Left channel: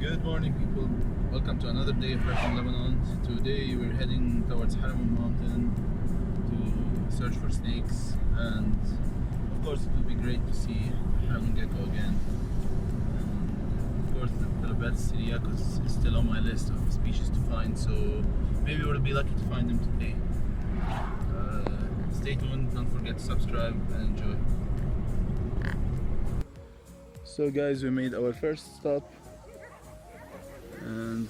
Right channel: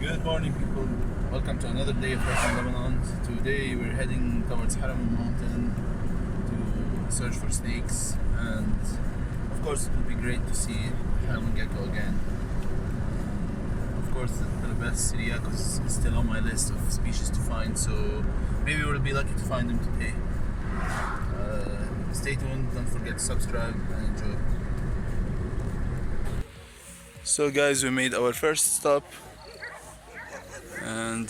Good morning, people. Welcome to another day of Herping Lebanon. Today we're heading towards Heramon mountain to search for snakes, and of course it would be great to see Heramon gecko again. Of course the Pelobates syriacus is still on my list of species to find, so maybe we'll be lucky to find them today. Stay tuned, don't forget to subscribe and enjoy. So guys, we made our first stop, and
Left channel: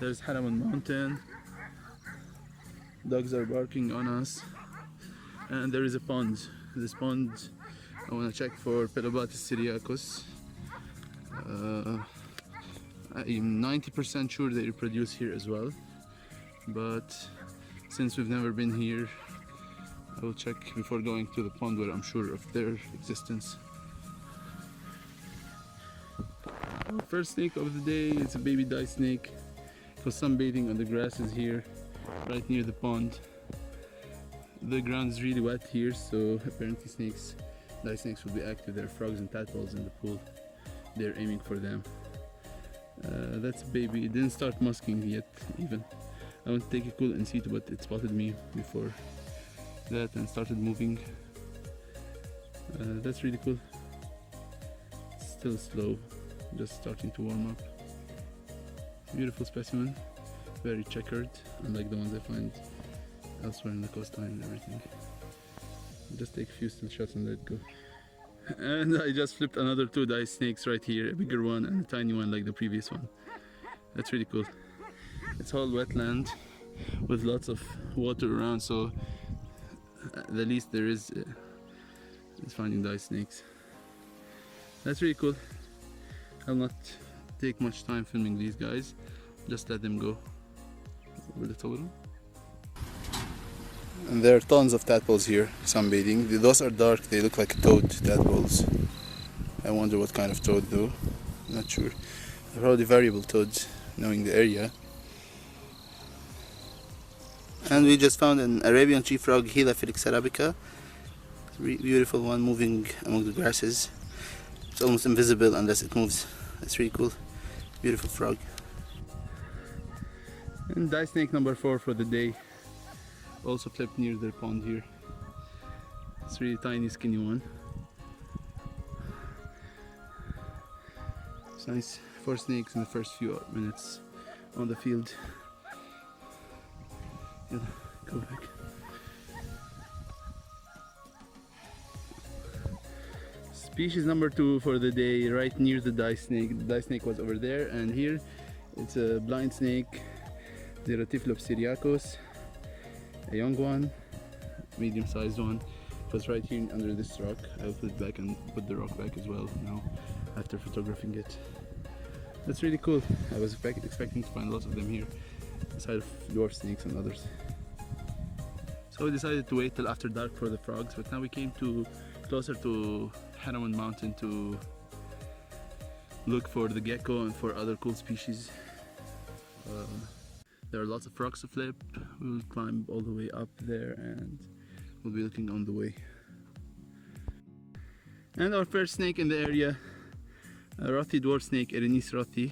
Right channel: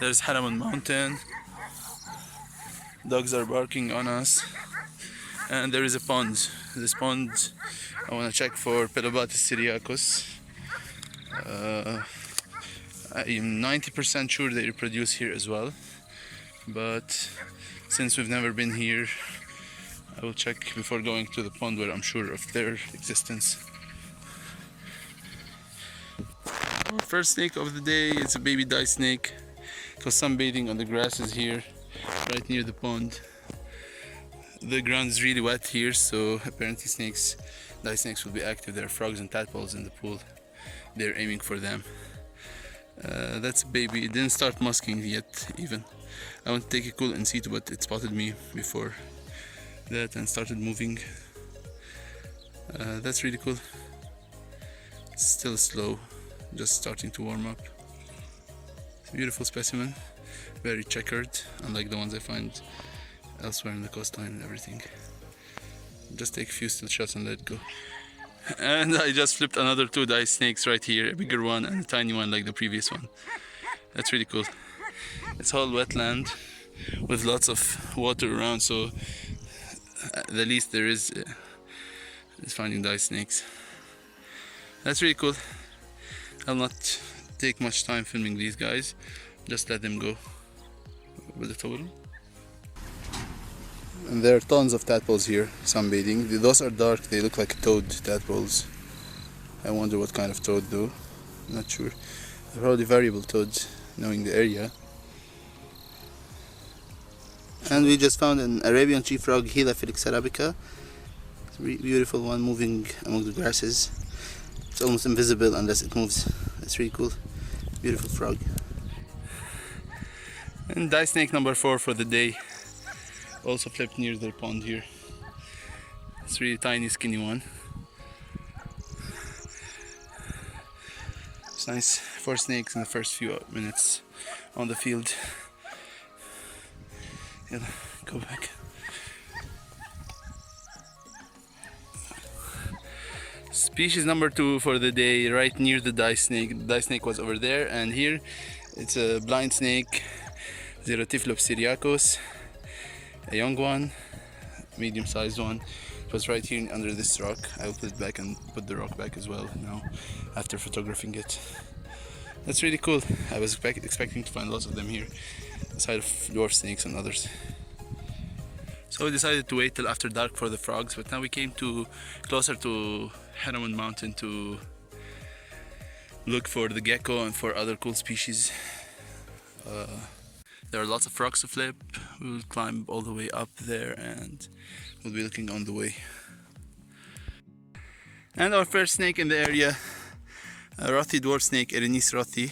there's Heramon mountain. Dogs are barking on us, and there is a pond. This pond, I want to check for Pelobates syriacus. I'm 90% sure they reproduce here as well, but since we've never been here, I will check before going to the pond where I'm sure of their existence. Our first snake of the day is a baby dye snake. It was sunbathing on the grasses here, right near the pond. The ground is really wet here, so apparently dye snakes will be active. There are frogs and tadpoles in the pool. They're aiming for them. That's a baby. It didn't start musking yet even. I want to take a cool in situ, but it spotted me before that and started moving. That's really cool. It's still slow, just starting to warm up. Beautiful specimen, very checkered, unlike the ones I find elsewhere in the coastline and everything. Just take a few still shots and let it go. And I just flipped another two dye snakes right here, a bigger one and a tiny one like the previous one. That's really cool. It's all wetland with lots of water around, so the least there is finding dye snakes. That's really cool. I'll not take much time filming these guys, just let them go with the total. And there are tons of tadpoles here sunbathing. Those are dark, they look like toad tadpoles. I wonder what kind of toad though, not sure. They're probably variable toads, knowing the area. And we just found an Arabian tree frog, Heliphelix arabica. It's a beautiful one moving among the grasses. It's almost invisible unless it moves. That's really cool. Beautiful frog. And dye snake number 4 for the day. Also flipped near the pond here. It's a really tiny, skinny one. It's nice. 4 snakes in the first few minutes on the field. Yeah, go back. Species number 2 for the day, right near the dye snake. The dye snake was over there, and here it's a blind snake, Pelobates syriacus, a young one, medium-sized one. It was right here under this rock. I will put it back and put the rock back as well now after photographing it. That's really cool. I was expecting to find lots of them here, aside of dwarf snakes and others. So we decided to wait till after dark for the frogs, but now we came closer to Heramon mountain to look for the gecko and for other cool species. There are lots of frogs to flip. We'll climb all the way up there and we'll be looking on the way. And our first snake in the area, a Rothy dwarf snake, Erenis Rothy.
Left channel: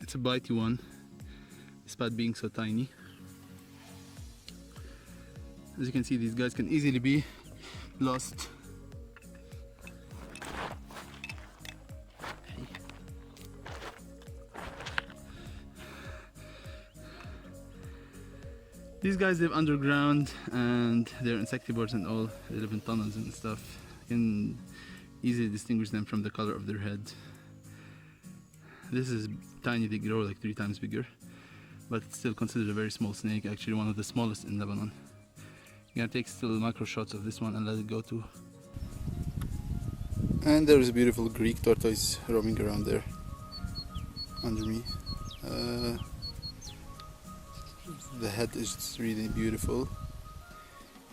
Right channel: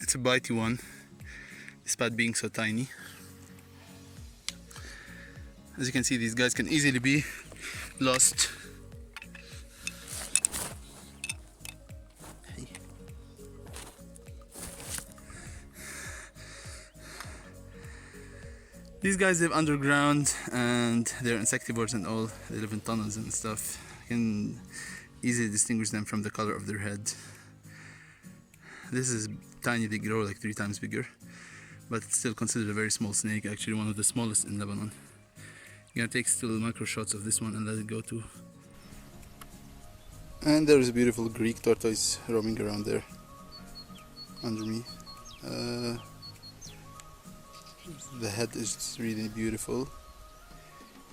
It's a bitey one, despite being so tiny. As you can see, these guys can easily be lost. Hey. These guys live underground and they're insectivores and all. They live in tunnels and stuff. You can easily distinguish them from the color of their head. This is tiny, they grow like 3 times bigger, but it's still considered a very small snake, actually one of the smallest in Lebanon. You're gonna take still micro shots of this one and let it go too. And there is a beautiful Greek tortoise roaming around there under me. The head is really beautiful,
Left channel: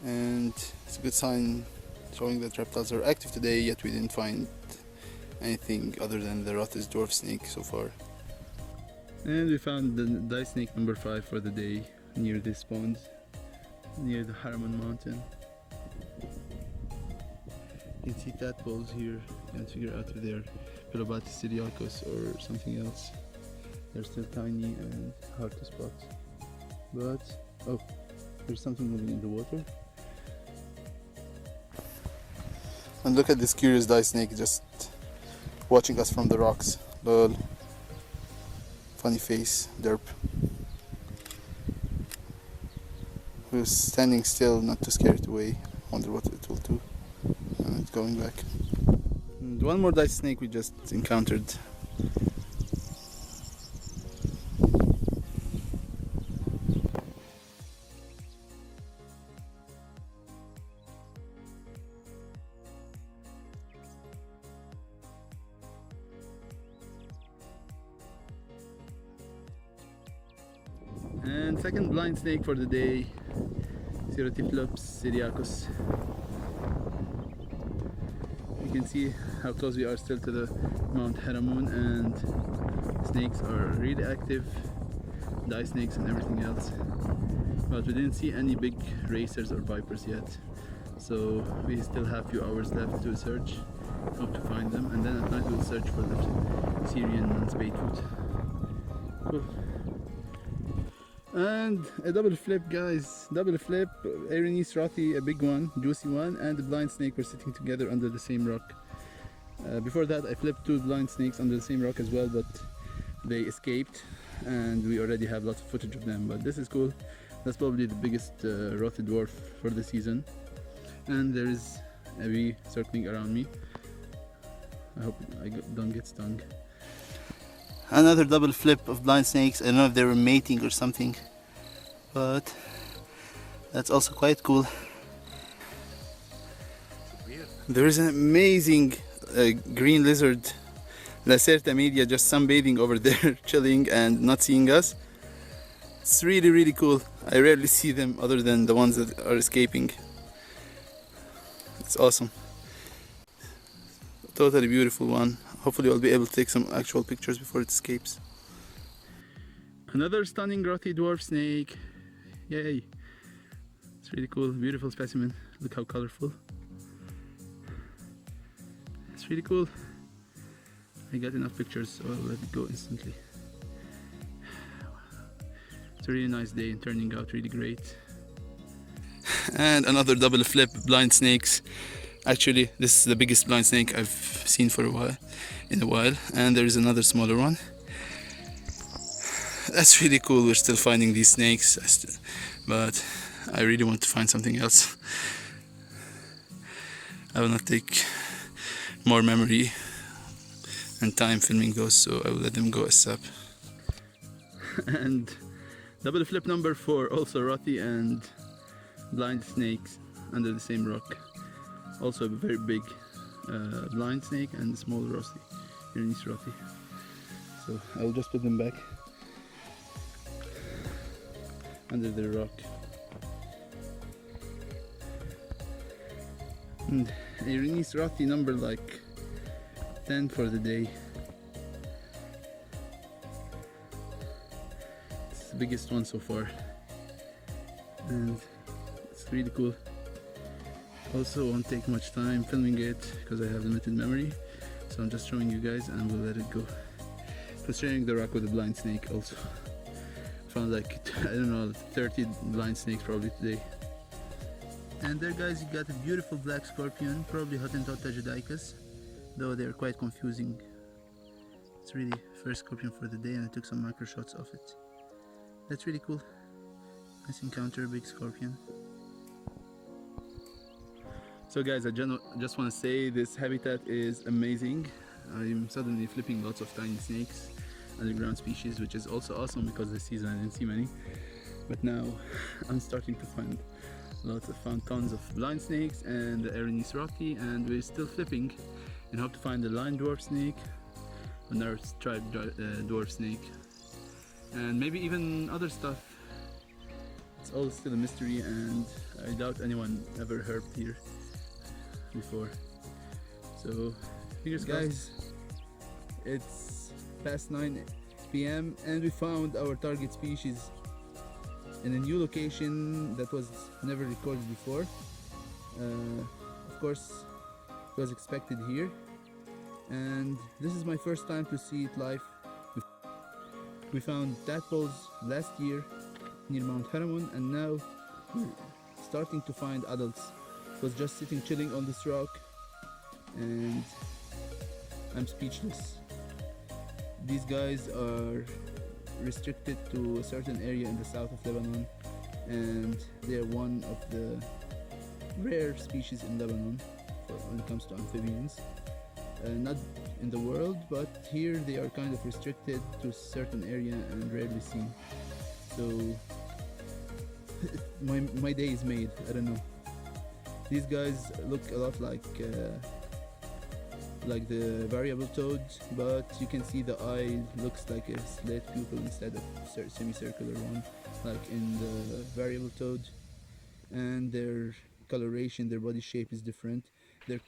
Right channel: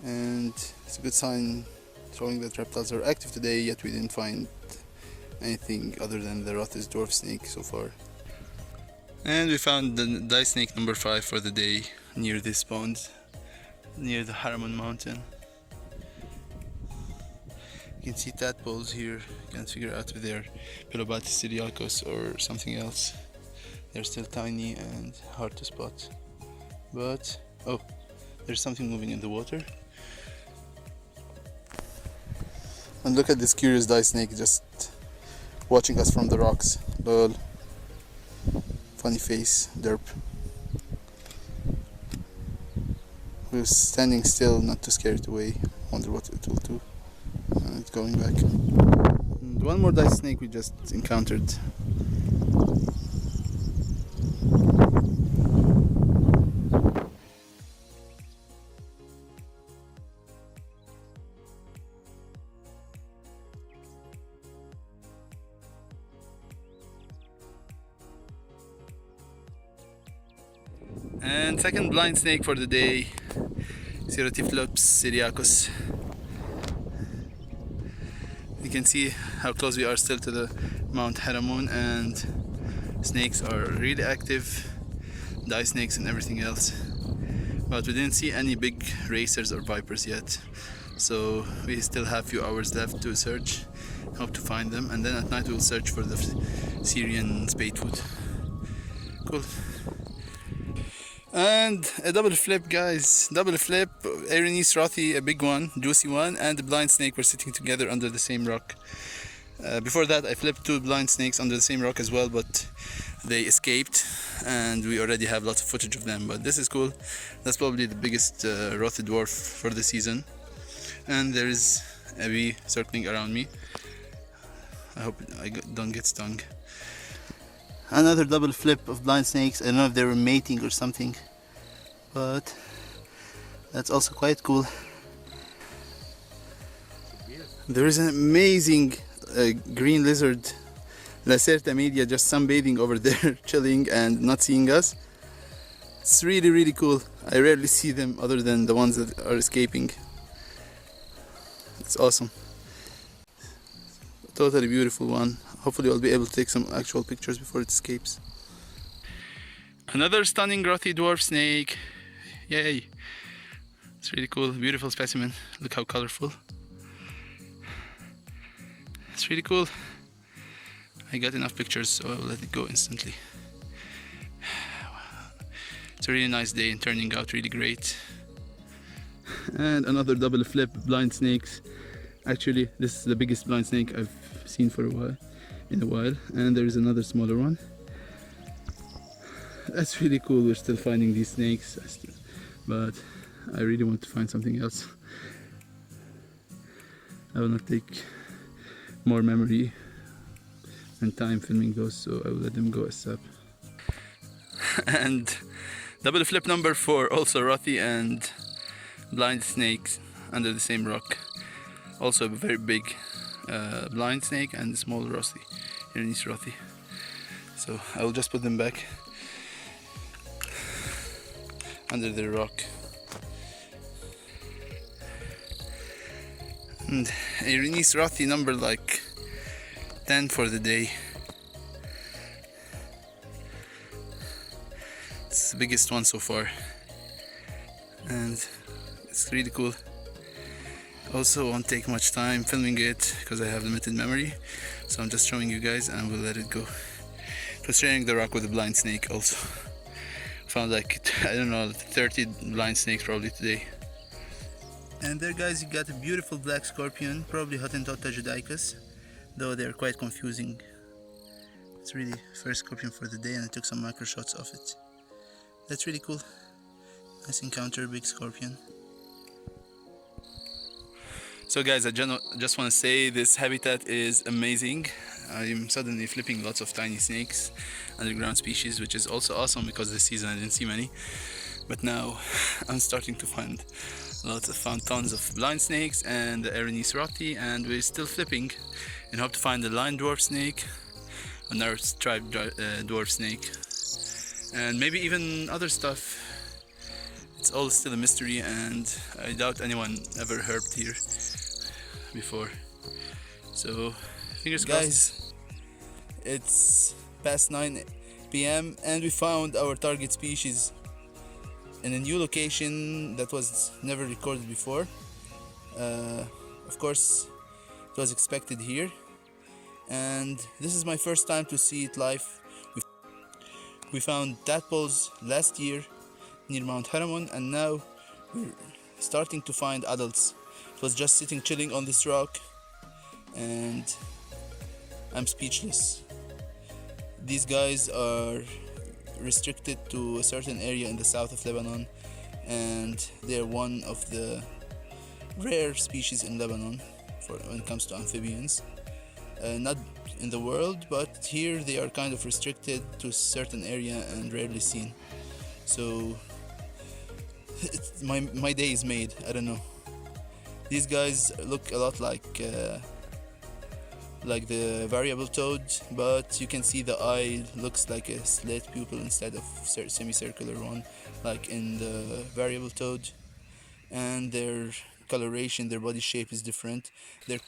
and it's a good sign showing that reptiles are active today, yet we didn't find anything other than the Rothy's dwarf snake so far. And we found the dye snake number 5 for the day near this pond, near the Heramon mountain. can see tadpoles here. Can't figure out if they're Pelobates syriacus or something else. They're still tiny and hard to spot. But oh, there's something moving in the water. And look at this curious dye snake just watching us from the rocks. Lol. Funny face, derp. We're standing still, not to scare it away. Wonder what it will do. And it's going back. And one more dye snake we just encountered. And second blind snake for the day, syriacus. You can see how close we are still to the Mount Heramon, and snakes are really active, dye snakes and everything else. But we didn't see any big racers or vipers yet, so we still have a few hours left to search. Hope to find them, and then at night we'll search for the Syrian Spadefoot. Cool. And a double flip, guys. Double flip. Arenis rothy, a big one, juicy one, and the blind snake were sitting together under the same rock. Before that I flipped two blind snakes under the same rock as well, but they escaped and we already have lots of footage of them. But this is cool. That's probably the biggest rothy dwarf for the season. And there is a bee circling around me. I hope I don't get stung. Another double flip of blind snakes. I don't know if they were mating or something, but that's also quite cool. There is an amazing green lizard, Lacerta media, just sunbathing over there, chilling and not seeing us. It's really, really cool. I rarely see them other than the ones that are escaping. It's awesome. Totally beautiful one. Hopefully I'll be able to take some actual pictures before it escapes. Another stunning rothy dwarf snake. Yay! It's really cool, beautiful specimen. Look how colorful. It's really cool. I got enough pictures, so I'll let it go instantly. It's a really nice day and turning out really great. And another double flip, blind snakes. Actually, this is the biggest blind snake I've seen for a while. And there is another smaller one. That's really cool. We're still finding these snakes, but I really want to find something else. I will not take more memory and time filming those, so I will let them go ASAP. And double flip number 4, also rothy and blind snakes under the same rock. Also a very big blind snake and a small rothy, Arenis rothy. So I will just put them back under the rock. And Arenis rothy number like 10 for the day. It's the biggest one so far, and it's really cool. Also won't take much time filming it because I have limited memory, so I'm just showing you guys and we'll let it go. It was sharing the rock with a blind snake also. Found like, I don't know, 30 blind snakes probably today. And there, guys, you got a beautiful black scorpion, probably Hottentotta judaicus, though they're quite confusing. It's really first scorpion for the day, and I took some micro shots of it. That's really cool. Nice encounter, big scorpion. So guys, I just want to say this habitat is amazing. I'm suddenly flipping lots of tiny snakes, underground species, which is also awesome because this season I didn't see many. But now I'm starting to find tons of blind snakes and the Arenis rothy, and we're still flipping and hope to find the line dwarf snake, another striped dwarf snake, and maybe even other stuff. It's all still a mystery, and I doubt anyone ever herped here before. So fingers crossed. Guys, it's past 9 p.m. and we found our target species in a new location that was never recorded before. Of course, it was expected here, and this is my first time to see it live. We found tadpoles last year near Mount Heramon, and now we're starting to find adults. It was just sitting chilling on this rock, and I'm speechless. These guys are restricted to a certain area in the south of Lebanon, and they're one of the rare species in Lebanon when it comes to amphibians. Not in the world, but here they are kind of restricted to a certain area and rarely seen. So my day is made. I don't know. These guys look a lot like the variable toad, but you can see the eye looks like a slit pupil instead of semicircular one, like in the variable toad. And their coloration, their body shape is different. They're